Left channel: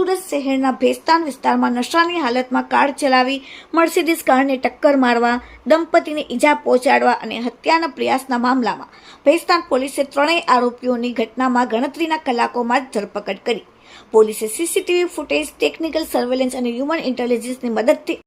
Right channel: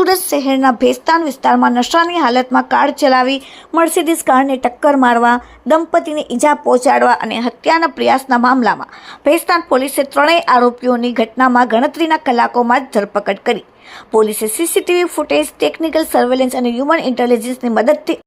સુરત શહેરના ભેસ્તાન વિસ્તારમાં નશાની હાલતમાં કાર ચલાવી મર્સિડીઝ કારને ટક્કર મારવા, દંપતીને ઈજા પહોંચાડવા અને હત્યાના પ્રયાસના મામલામાં ભેસ્તાન પોલીસે ત્રણેય આરોપીઓની ઘટનામાં ગણતરીના કલાકોમાં જ ધરપકડ કરી. પોલીસે સીસીટીવી ફૂટેજ, ટેકનિકલ સર્વેલન્સ અને હ્યુમન ઇન્ટેલિજન્સની મદદથી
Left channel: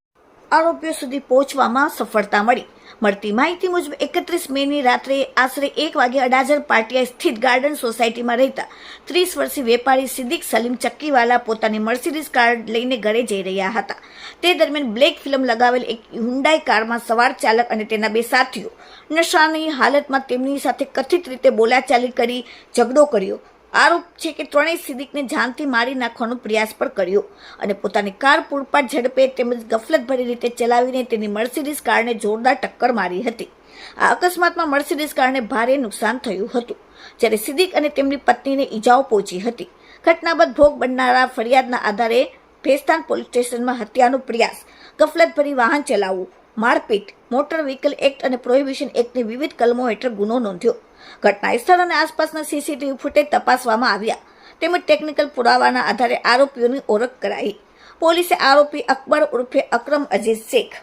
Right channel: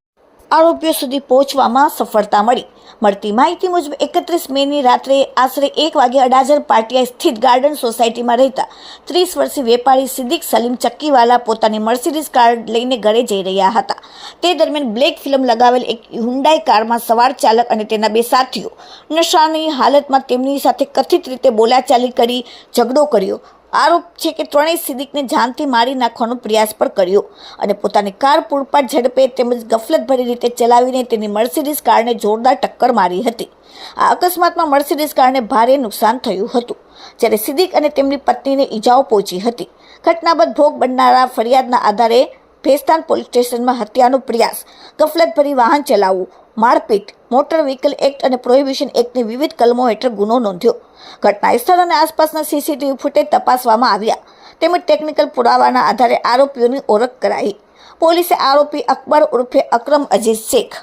આરોપીઓ સુધી પહોંચવામાં સફળતા મળી. મળતી માહિતી મુજબ 31 મેની રાત્રે આશરે 1 વાગે અડાજણ પાટિયા સ્થિત ગાર્ડન સોસાયટીમાં રહેતા 30 વર્ષીય વેપારી સિદ્દીક સલીમ ચક્કીવાલા પોતાની મર્સિડીઝ કાર લઈને ઘરે જઈ રહ્યા હતા. તે દરમિયાન બ્લેક ફિલ્મ લગાવેલ એક હુન્ડાઈ કારમાં સવાર ચાલક અને તેના બે સાથીઓ નશાની હાલતમાં તેમની સાથે કથિત રીતે બોલાચાલી કરી ઝઘડો કર્યો. આરોપ છે કે ત્રણેય સિદ્દીકને જાનથી મારી નાખવાનો પ્રયાસ પણ કર્યો અને પોતાની કાર પૂરપાટ ઝડપે તેમજ ગફલતભરી રીતે ચલાવીને તેની મર્સિડીઝ કારને જોરદાર ટક્કર મારી હતી. આ અકસ્માતમાં મર્સિડીઝ કારને ભારે નુકસાન થયું હતું, જ્યારે સિદ્દીક અને તેમની પત્નીને ઈજાઓ પહોંચી હતી. ઘટના બાદ ભોગ બનનારા ફરિયાદના આધારે ભેસ્તાન પોલીસ સ્ટેશનમાં હત્યાનો પ્રયાસ, ગફલતભરી વાહન ચલાવવું, મારપીટ, મોટર વ્હીકલ એક્ટ અને પ્રોહિબિશન એક્ટની વિવિધ કલમો હેઠળ ગુનો નોંધ્યો. ઘટના સ્થળ અને આસપાસના સીસીટીવી ફૂટેજ તપાસવામાં આવ્યા તેમજ ટેકનિકલ પુરાવાના આધારે આરોપીઓની ઓળખ કરાઈ. પોલીસે આરોપી અકબર ઉર્ફે અકરમ અજીઝ શેખ,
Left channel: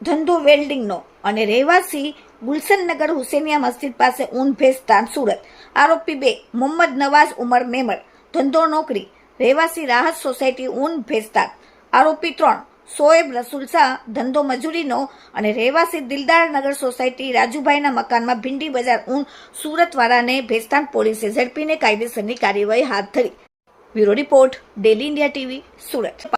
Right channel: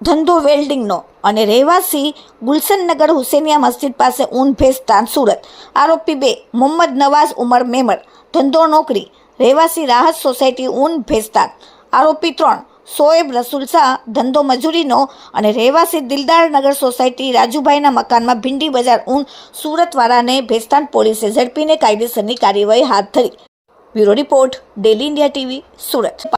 ધંધો વેલ્ડિંગનો અને રહેવાસી ગુલશનનગર હુસેનિયા મસ્જિદ પાસે ઊન ભેસ્તાન સુરત. આરોપી 2 મોહમ્મદ નવાઝ ઉમર મેમર, ધંધો નોકરી, રહેવાસી રાહત સોસાયટી ઊન ભેસ્તાન. આરોપી 3 શોએબ રસુલ શાહ, ધંધો મજૂરીનો અને રહેવાસી દિલદારનગર સોસાયટી રાજુભાઈના મકાનમાં ભીંડી બજાર ઊન સુરતવાળાને ભેસ્તાન પોલીસે ઝડપીને કાયદેસરની કાર્યવાહી હાથ ધરી. Bureau report, daily India TV, Surat.